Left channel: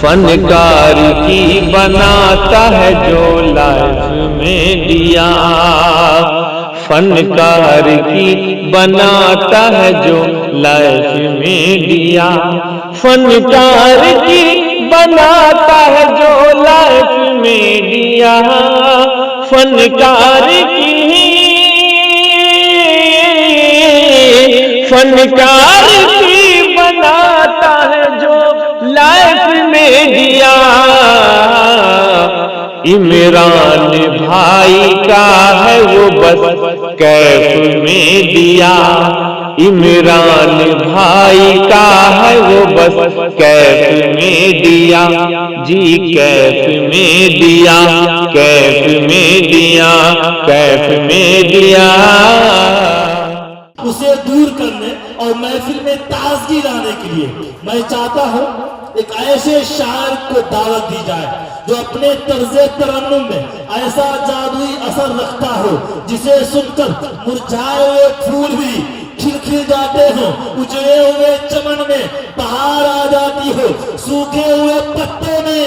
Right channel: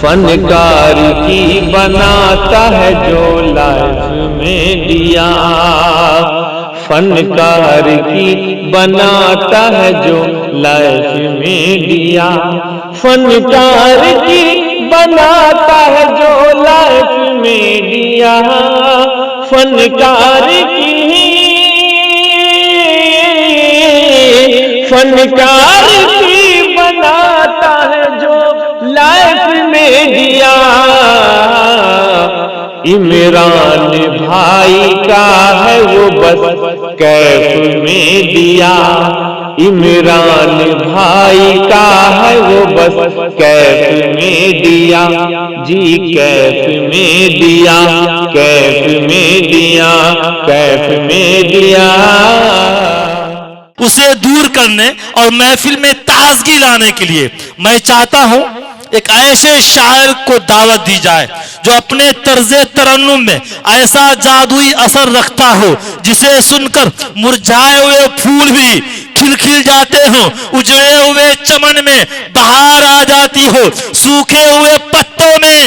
فنکار کی بناتا ہے جو لائف میں دیا، فنکار کی بناتا ہے جو لائف میں دیا، فنکار کی بناتا ہے جو لائف میں دیا، فنکار کی بناتا ہے جو لائف میں دیا۔ عمران بھائی کا ہے وہ بس کیف میں دیا، عمران بھائی کا ہے وہ بس کیف میں دیا، جی کیف میں دیا، کیف میں دیا، کیف میں دیا۔ اسے دور کرنے اور محفل میں تازگی لانے کے لیے میں چاہتا ہوں ایک ایسے شاعر کو دعوت دی جائے جو اپنے طرز ترنم میں ایسا جادوئی اثر رکھتا ہو جسے سن کر مرجھائے ہوئے پھول بھی کھل کھل جاتے ہوں، اجڑے ہوئے چمن میں بہار آ جاتی ہو، سوکھے ہوئے پتوں میں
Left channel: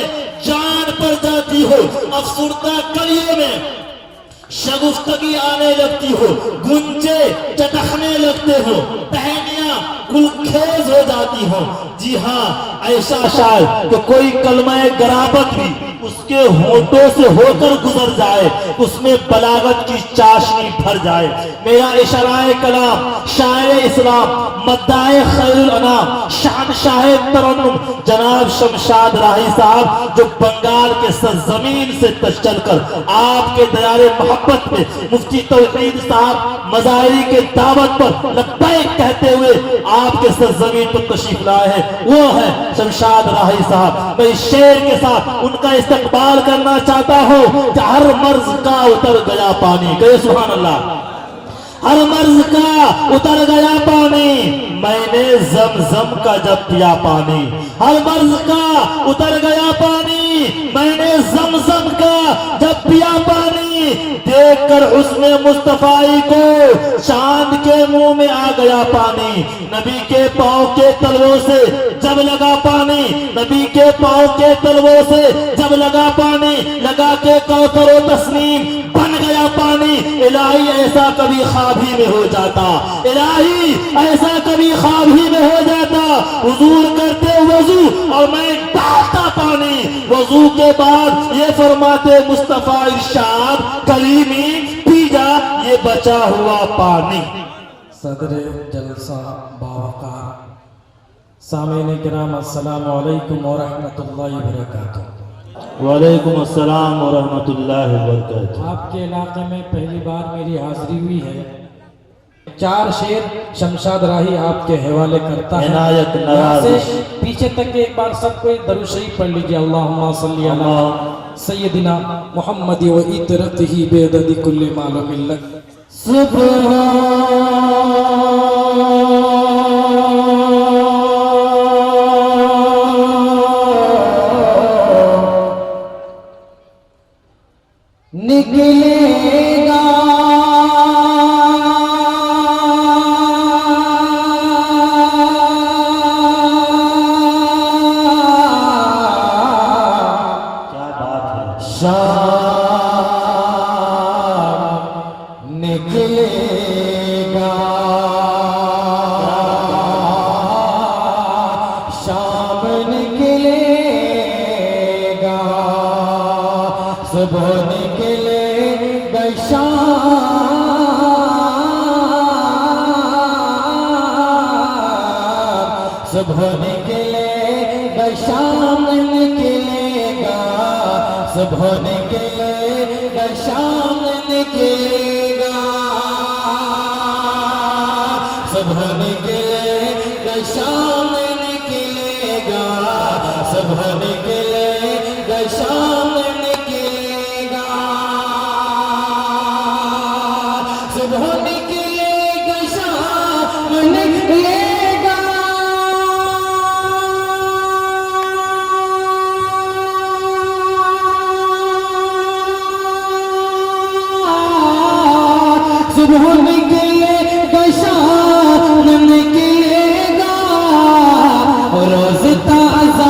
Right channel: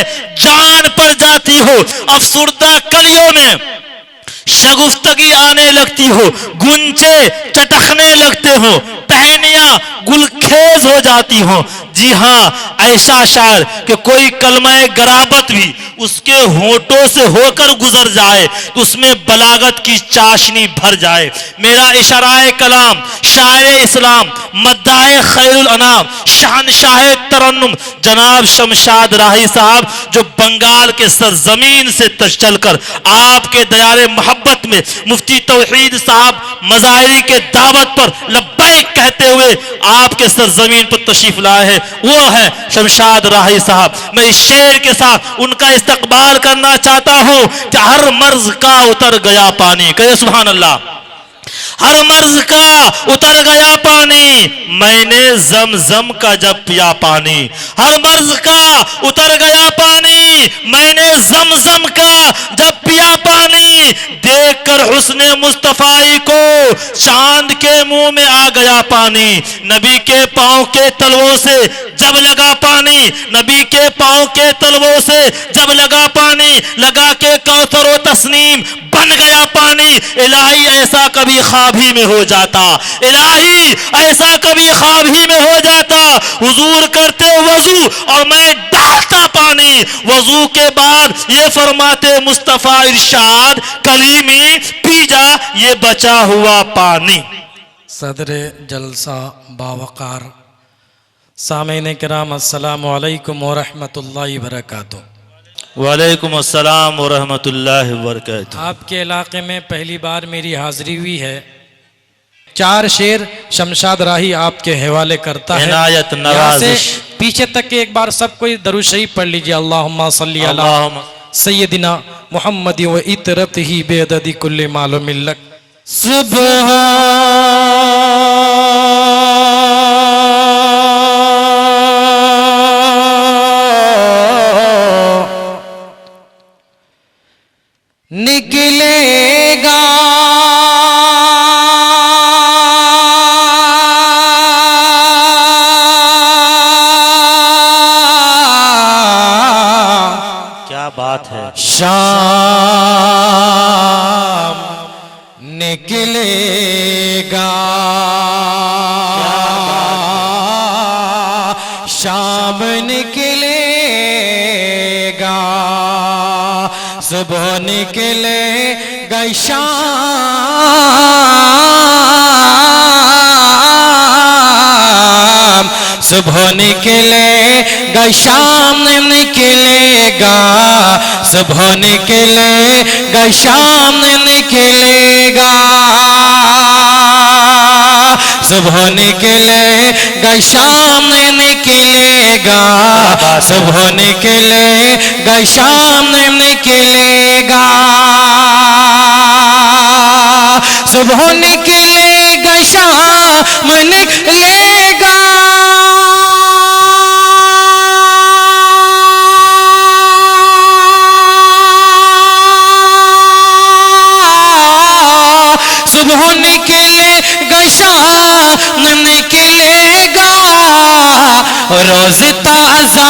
جان پڑ جاتی ہو، افسردہ کلیوں میں شگفتگی آنے لگتی ہو، گنچے چٹکنے لگتے ہو، ٹہنیاں گلخیز ہو جاتی ہوں۔ جی ہاں، ایسا شاعر کہ کوئی کلمہ غرابت بھی اس کے ہونٹوں سے ہو کر گزر جائے تو اس میں بلاغت کی چاشنی بھر جائے۔ میرا اشارہ کلام شاعر اسلام، مداح خیر الانام، شہنشاہ ترنم جناب شمشاد راہی صاحب جو بنگال کے سرزمین سے چل کر آپ کے دیار محبت میں مفتی توحید صاحب مظاہری کے دعوت پر لبیک کہتے ہوئے آپ کے سرزمین پر تشریف لائے ہیں، وہ ہے شمشاد راہی صاحب۔ میں اس شعر کے ساتھ ان کا استقبال کرنا چاہتا ہوں کہ ہر مرض کا اتر گیا پانی، کہے سبحان اللہ۔ ہر مرض کا اتر گیا پانی، میں نے زمزم کا جب پیا پانی، ہر مرض کا اتر گیا پانی، میں نے زمزم کا جب پیا پانی، دیکھ کر حسن مصطفی کو چاند کے منہ میں آ گیا پانی، نبی کے پاؤں کے تلووں سے جب لگا پانی، نبی کے پاؤں کے تلووں سے جب لگا پانی، لگا کے کوثر و تسنیم بن گیا پانی۔ الہی ایسا کبھی خواب ہی میں ہو جاتا، الہی ایسا کبھی خواب ہی میں ہو جاتا، حضور کرتے وضو اور میں ڈالتا پانی، وضو کے بعد یہ فرماتے مصطفیٰ ارشاد کلیمی پی جا یہ بچا ہوا پانی۔ صدر جلسہ باوقار سامعین کرام السلام علیکم ورحمۃ اللہ وبرکاتہ۔ وعلیکم السلام ورحمۃ اللہ وبرکاتہ۔ آپ کے علاقے میں پہلی بار میری حاضری ہوئی ہے، 4 شعر شمشاد راہی آپ کے حوالے کرتا ہے، عنایت یہاں سے نوازش۔ پیچھے تک کے ایک بار سب کو درود شریف پڑھ لیجئے، اللہم صلی علی سیدنا محمد و اطرتہ بعدد کل معلوم لک۔ نکلے گا کیا بات ہے، شام نکلے گا، شام نکلے گا، صبح نکلے گا، شام صبح نکلے گا، شام نکلے گا، صبح نکلے گا، شام نکلے گا، صبح نکلے گا، شام نکلے گا، صبح نکلے گا، شام نکلے گا، صبح نکلے گا، شام نکلے گا، صبح نکلے گا، شام نکلے گا، روز تازہ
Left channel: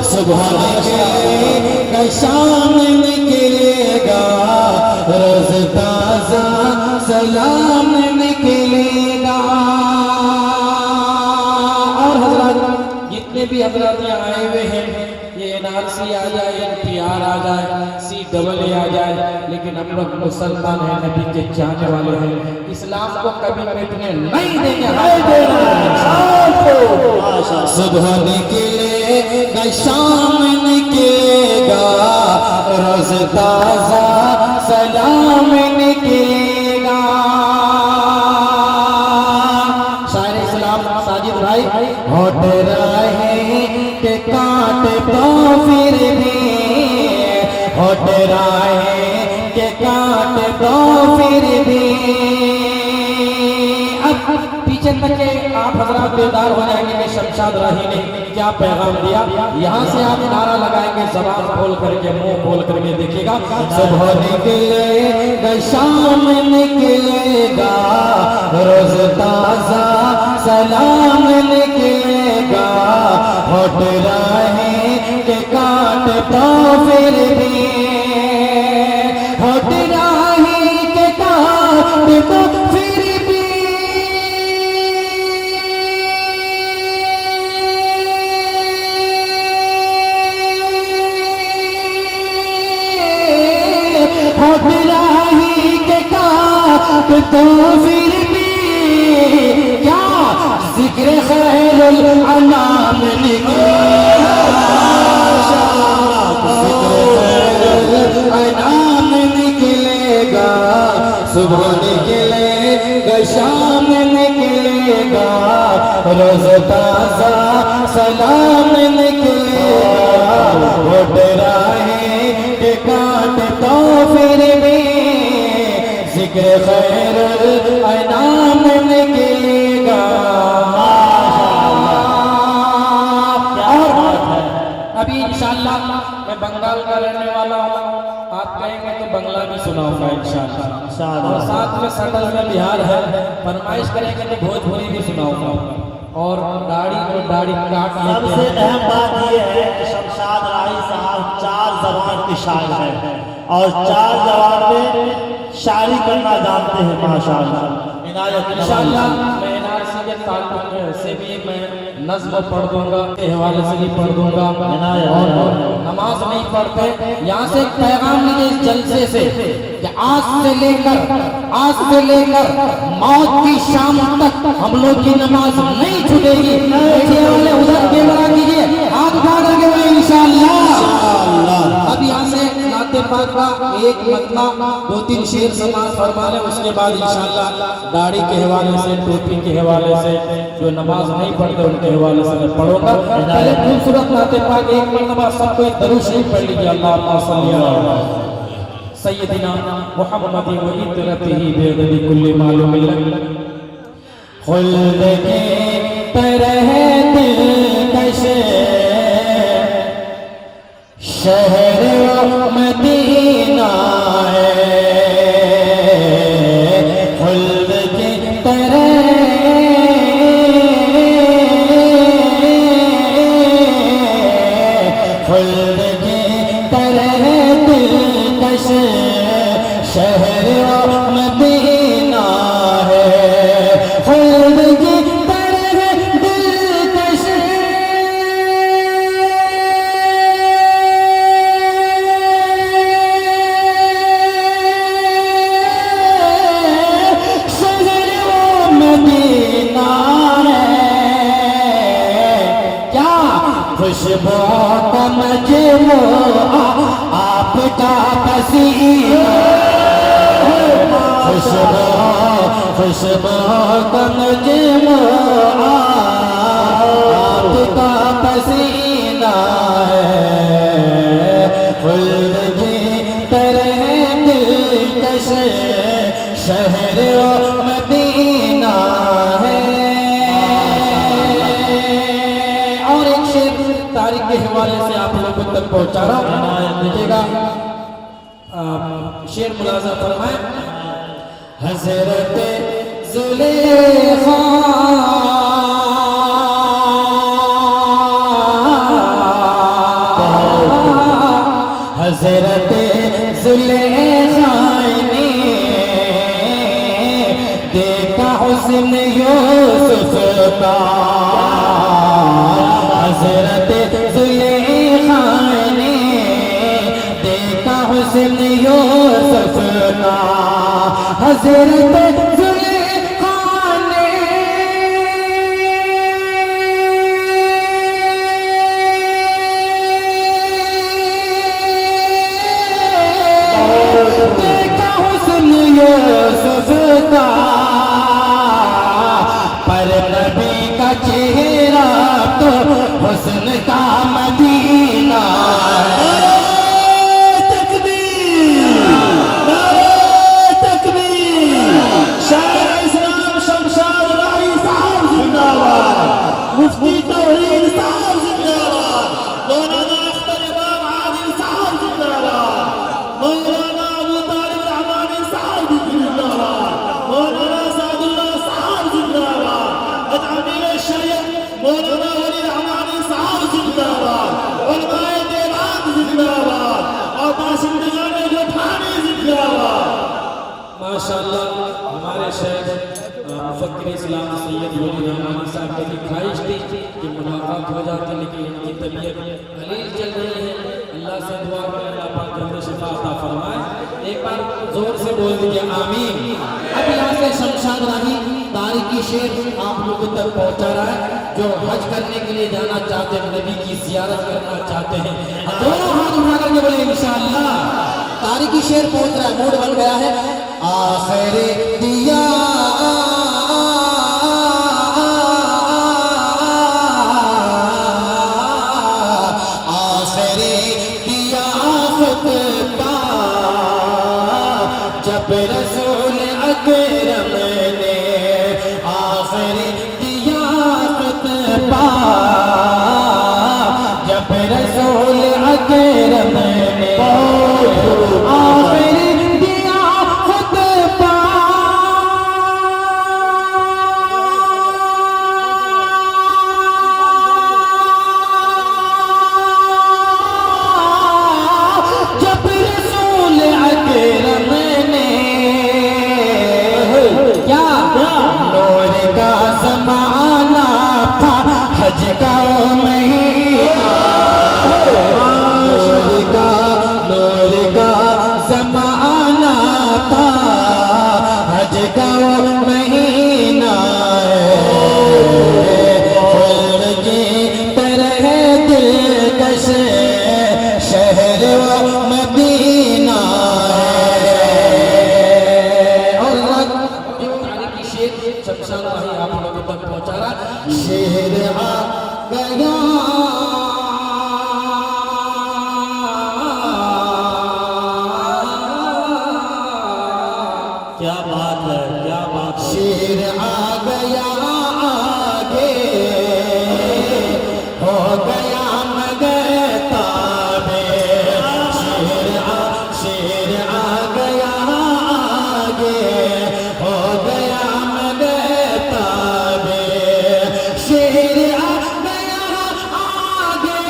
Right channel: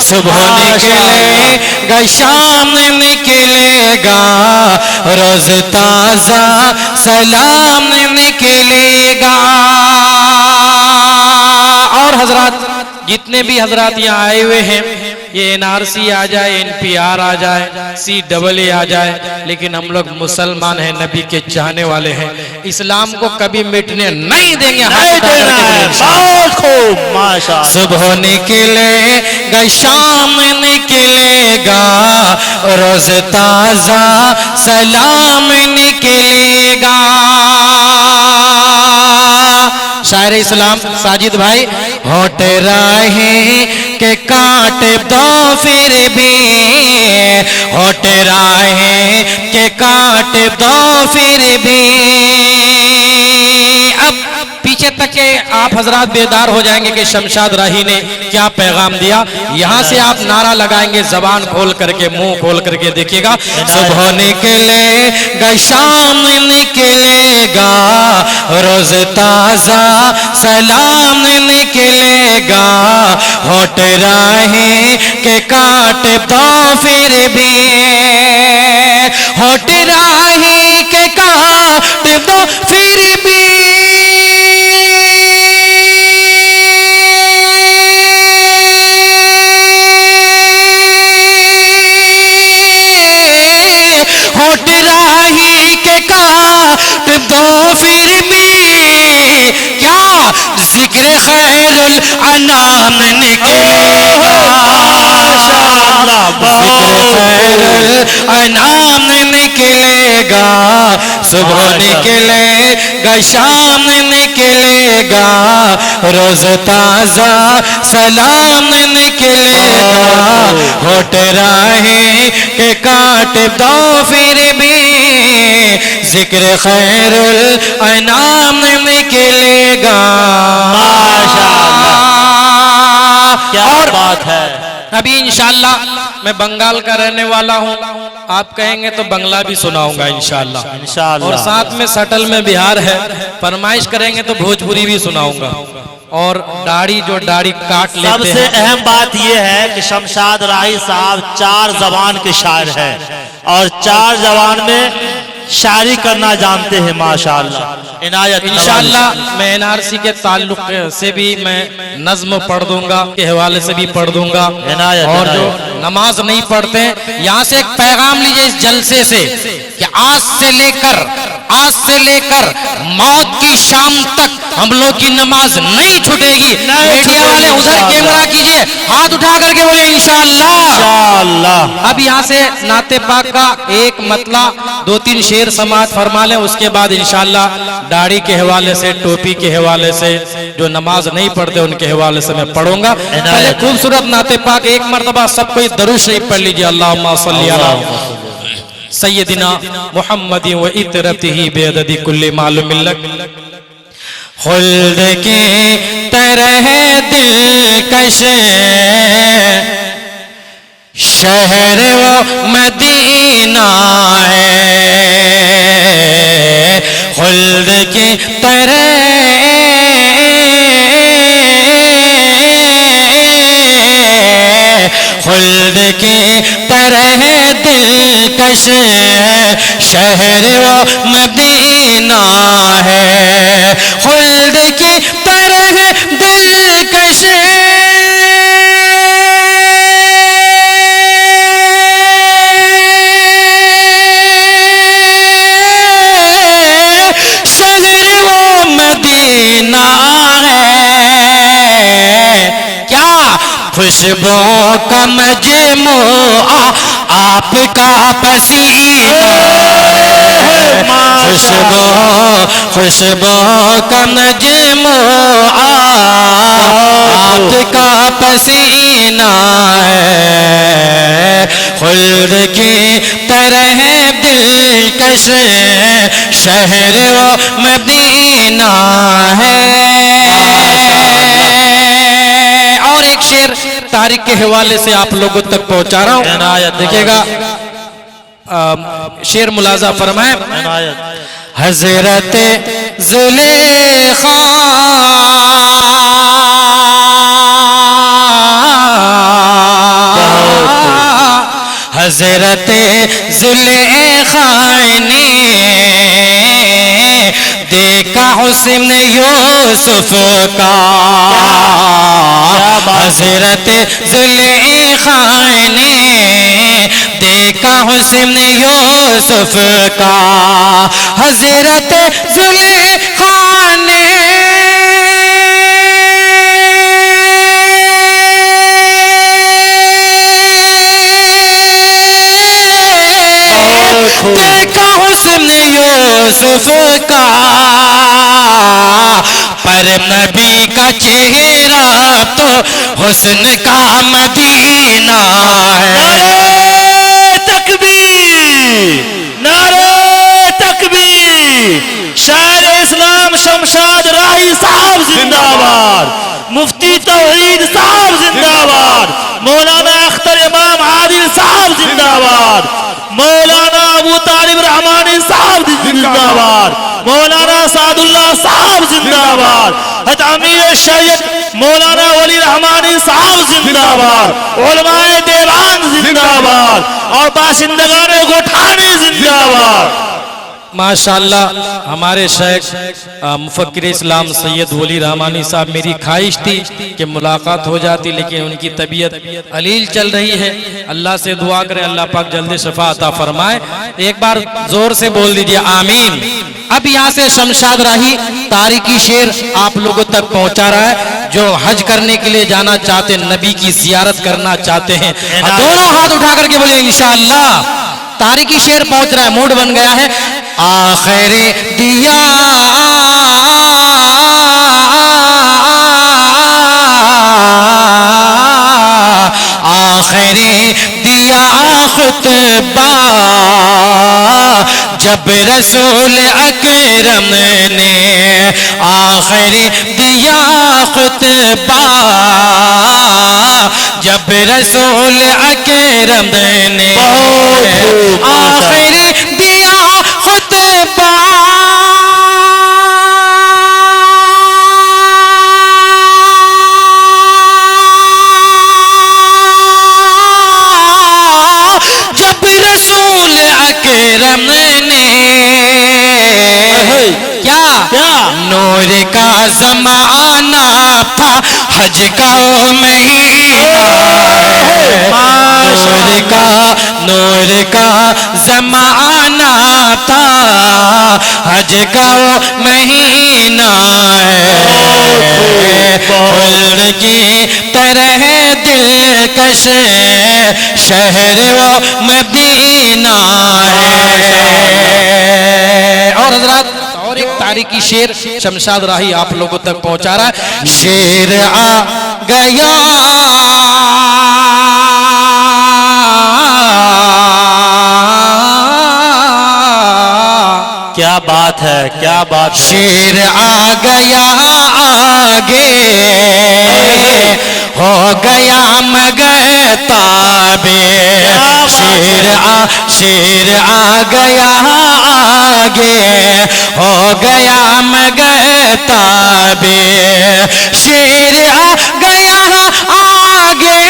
صبح نکلے گا شام نکلے گا روز تازہ سلام نکلے گا. اور حضرات جتنے بھی حضرات یہاں آئے ہوئے ہیں یہ NRC آ جائے NPR آ جائے CAA آ جائے لیکن ہم لوگ مسلمان ہیں نبی کے چاہنے والے ہیں اسلام کو کبھی مٹنے نہیں دیں گے. صبح نکلے گا شام نکلے گا روز تازہ سلام نکلے گا. شاعر اسلام ساجد بھائی ہوٹ راہیں کہ کاٹے تو پھر بھی ہوٹ راہیں کہ کاٹے تو پھر بھی. اب پیچھے تک کہ آپ حضرات بیدار ہو جائیں گے کہ شمشاد راہی نے کیا پیغام دیا. یہاں سے آپ نعرہ لگائیں گے زبان کھول کر کے منہ کھول کر کے دیکھیے گا. صبح نکلے گا شام نکلے گا روز تازہ سلام نکلے گا ہوٹ راہیں کہ کاٹے تو پھر بھی ہوٹ راہیں کہ کاٹے تو پھر بھی ہوٹ راہیں کہ کاٹے تو پھر بھی کیا ذکر خیر الانام نکلے انعام نکلے گا. صبح نکلے گا شام نکلے گا روز تازہ سلام نکلے گا ہوٹ راہیں کہ کاٹے تو پھر بھی ذکر خیر الانعام نکلے گا. کیا بات ہے. ابھی انشاءاللہ میں بنگال کا رہنے والا ہوں آپ کہیں گے تو بنگلہ بھی سناؤں گا انشاءاللہ اور ساتھ میں سٹل میں بہار ہے فرمائش کریں گے تو بھوجپوری بھی سناؤں گا. اور داڑھی جو داڑھی کاٹ لیتے سب سے اہم بات یہ ہے کہ شمشاد راہی صاحب 4 زبان کے شاعر ہیں اور 4 زبان میں شاعری کرنا جانتے ہیں ماشاءاللہ. عنایت انشاءاللہ میں NRC کے تعلق سے بھی میں نظم پڑھ دوں گا کے حوالے سے بھی پڑھ دوں گا. اور جو نماز نہیں پڑھتے یہاں سے ایک پیغام لیجئے اس جلسے سے کہ آج سے لے کر موت کی شام تک ہم لوگ کی نماز نہیں چھوٹے گی. میڈیا والے ادھر کیمرہ کیجئے ہاتھ اٹھا کر کے بولے انشاءاللہ. اب یہاں سے نعت پاک کا ایک مطلع 2-3 شعر سماعت فرما لیں اس کے بعد انشاءاللہ داڑھی کے حوالے سے ٹوپی کے حوالے سے جو نماز نہیں پڑھتے ان کے حوالے سے میں پڑھوں گا. پہلے خوبصورت نعت پاک ایک مرتبہ سب کوئی درود شریف پڑھ لیجئے. اللہم صلی علی سیدنا محمد و اطرتہ بعدد کل معلوم لک. خلد کی طرح دلکش شہر و مدینہ ہے خلد کی طرح خلد کی طرح دلکش شہر و مدینہ ہے خلد کی طرح دلکش شہر و مدینہ ہے. کیا خوشبو کا مجموعہ آپ کا پسینہ خوشبو کا مجموعہ آپ کا پسینہ ہے خلد کی طرح دلکش شہر و مدینہ ہے. اور ایک شعر تاریخ کے حوالے سے آپ لوگوں تک پہنچا رہا ہوں دیکھیے گا. شعر ملاحظہ فرمائیں. حضرت زلیخا حضرت زلیخا نے دیکھا حسن یوسف کا، حضرت زلیخا نے دیکھا حسن یوسف کا، حضرت زلیخا نے دیکھا حسن یوسف کا، پر نبی کا چہرہ تو حسن کا مدینہ ہے۔ نعرہ تکبیر، نعرہ تکبیر، شاعر اسلام شمشاد راہی صاحب زندہ باد، مفتی توحید صاحب زندہ باد، مولانا اختر امام عادل صاحب زندہ باد، مولانا ابو طالب رحمانی صاحب زندہ باد، مولانا سعد اللہ صاحب زندہ باد، حضرت امیر شریعت مولانا ولی رحمانی صاحب زندہ باد، علماء دیوان زندہ باد، اور باشندگان گوٹھانی زندہ باد۔ ماشاءاللہ ہمارے شیخ مفکر اسلام سید ولی رحمانی صاحب، میری خواہش تھی کہ ملاقات ہو جاتی لیکن ان کی طبیعت علیل چل رہی ہے، اللہ سے دعا کریں اللہ پاک جلد شفا عطا فرمائے۔ ایک بار زور سے بول دیجئے آمین۔ اب یہاں سے شمشاد راہی تاریخی شعر آپ لوگوں تک پہنچا رہا ہے، جو حج کرنے کے لیے جانا چاہتے ہیں، نبی کی زیارت کرنا چاہتے ہیں، دونوں ہاتھ اٹھا کر کے بولیں انشاءاللہ۔ تاریخی شعر پہنچ رہا ہے، موڈ بن گیا ہے۔ آخر دیا آخر دیا خطبہ جب رسول اکرم نے، آخر دیا خطبہ جب رسول اکرم نے، آخر دیا خطبہ جب رسول اکرم نے، کیا نور کا زمانہ تھا، حج کا مہینہ، نور کا زمانہ تھا، حج کا مہینہ ہے، خلد کی طرح دلکش شہر و مدینہ ہے۔ اور حضرات اور ایک تاریخی شعر شمشاد راہی آپ لوگوں تک پہنچا رہا ہے۔ شعر آ گیا کیا بات ہے، کیا بات ہے، شیر آ گیا آگے، ہو گیا مگر تابے، شیر آ گیا آگے، ہو گیا مگر تابے، شیر آ گیا آگے،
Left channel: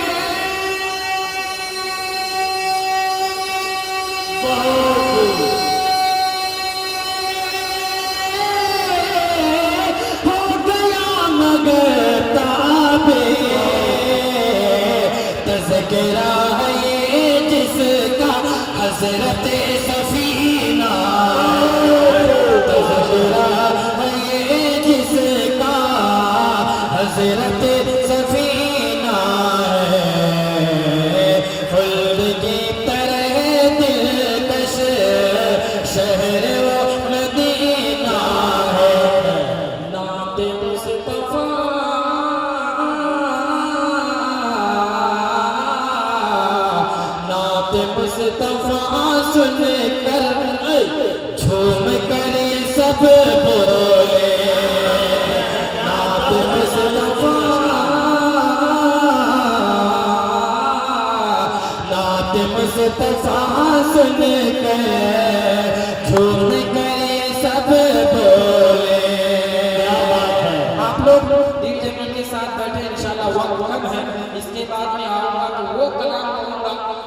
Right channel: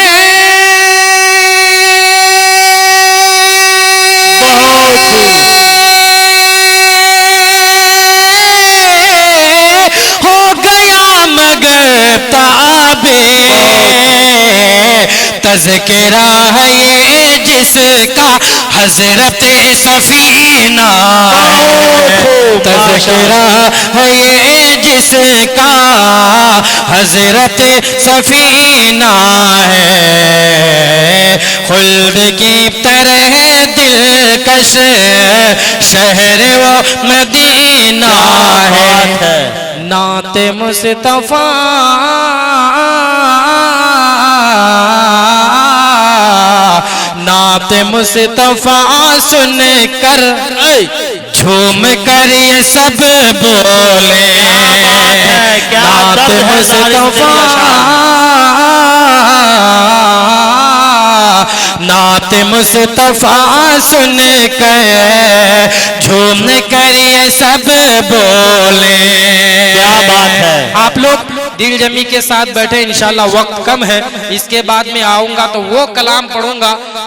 تذکرہ ہے یہ جس کا حضرت سفینہ ہے، تذکرہ ہے یہ جس کا حضرت سفینہ ہے، خلد کی طرح دلکش شہر و مدینہ ہے، نعت مصطفیٰ نعت مصطفیٰ سن کر جھوم کر یہ سب بولے، نعت مصطفیٰ نعت مصطفیٰ سن کر جھوم کر یہ سب بولے۔ کیا بات ہے، آپ لوگ دل جمی کے ساتھ بیٹھے، انشاءاللہ وقت کم ہے، اس کے بعد میں آؤں گا تو وہ کلام پڑھوں گا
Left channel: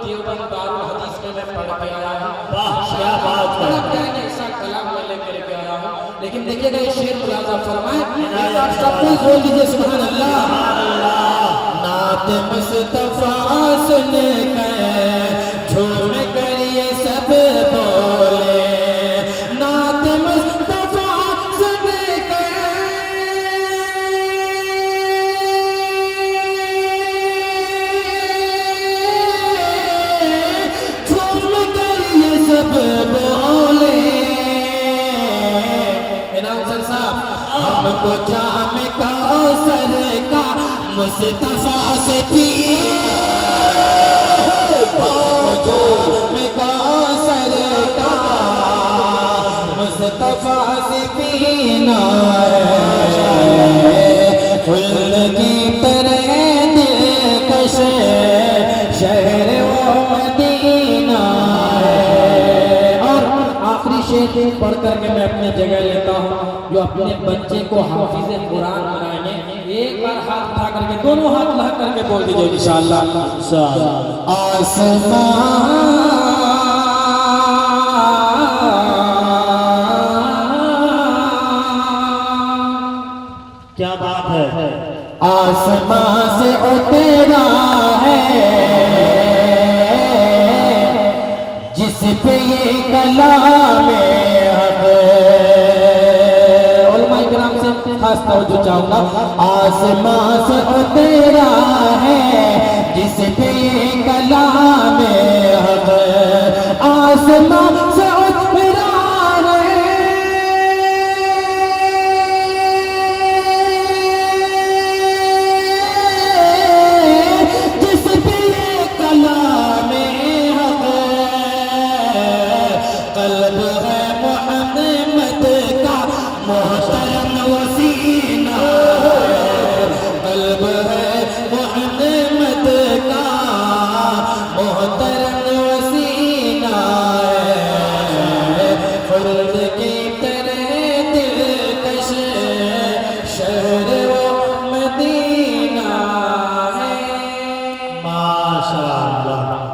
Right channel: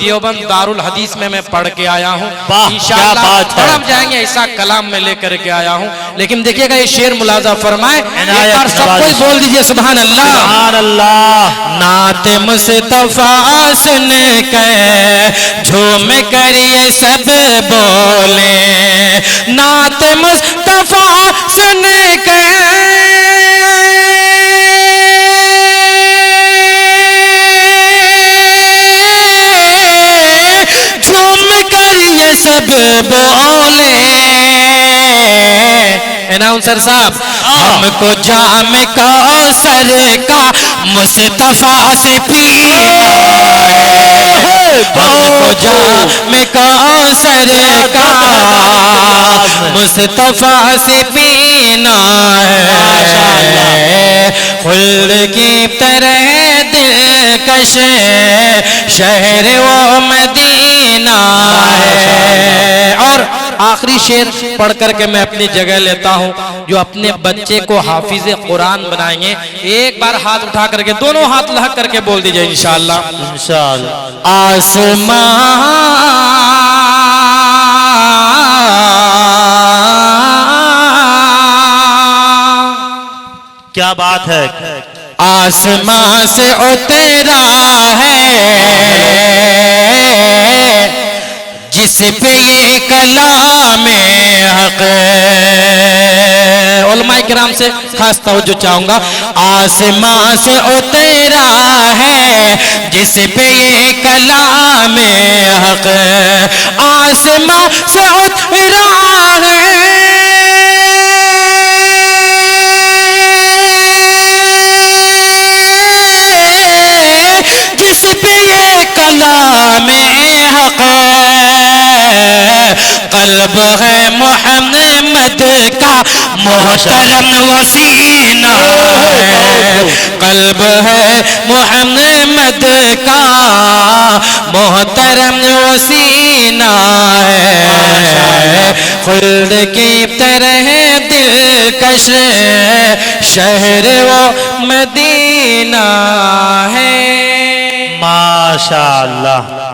دیوبند دارul حدیث میں پڑھ کے آیا ہوں واہ، انشاءاللہ کیا بات ہے۔ پڑھ جائیں گے، ایسا کلام میں لے کر کے آیا ہوں۔ لیکن دیکھیے گا یہ شعر ملاحظہ فرمائیں، ایک بار سب کوئی بول دیجئے سبحان اللہ۔ سبحان اللہ۔ نعت مصطفیٰ سن کے جھوم کر یہ سب بولے، نعت مصطفیٰ سن کے جھوم کر یہ سب بولے۔ اناؤنسر صاحب ہم کو جام کوثر کا مصطفیٰ سے پینا ہے، ہم کو جام کوثر کا مصطفیٰ سے پینا ہے، خلد کی طرح دلکش شہر و مدینہ ہے۔ اور آخری شعر پڑھ کر کے میں اپنی جگہ لیتا ہوں، جو اپنے بچے کو حافظ قرآن بنائیں گے ایک بار ہاتھ اٹھا کر کے دونوں ہاتھ لہک کر کے بول دیجئے انشاءاللہ۔ کیا بات ہے۔ آسمان سے اترا ہے جس پہ یہ کلام حق، علماء کرام سے خاص توجہ چاہوں گا، آسمان سے اترا ہے جس پہ یہ کلام حق، آسمان سے اترا قلب ہے محمد کا محترم وسینہ ہے، قلب ہے محمد کا محترم وسینہ ہے، خلد کی طرح دلکش شہر و مدینہ ہے۔ ماشاءاللہ۔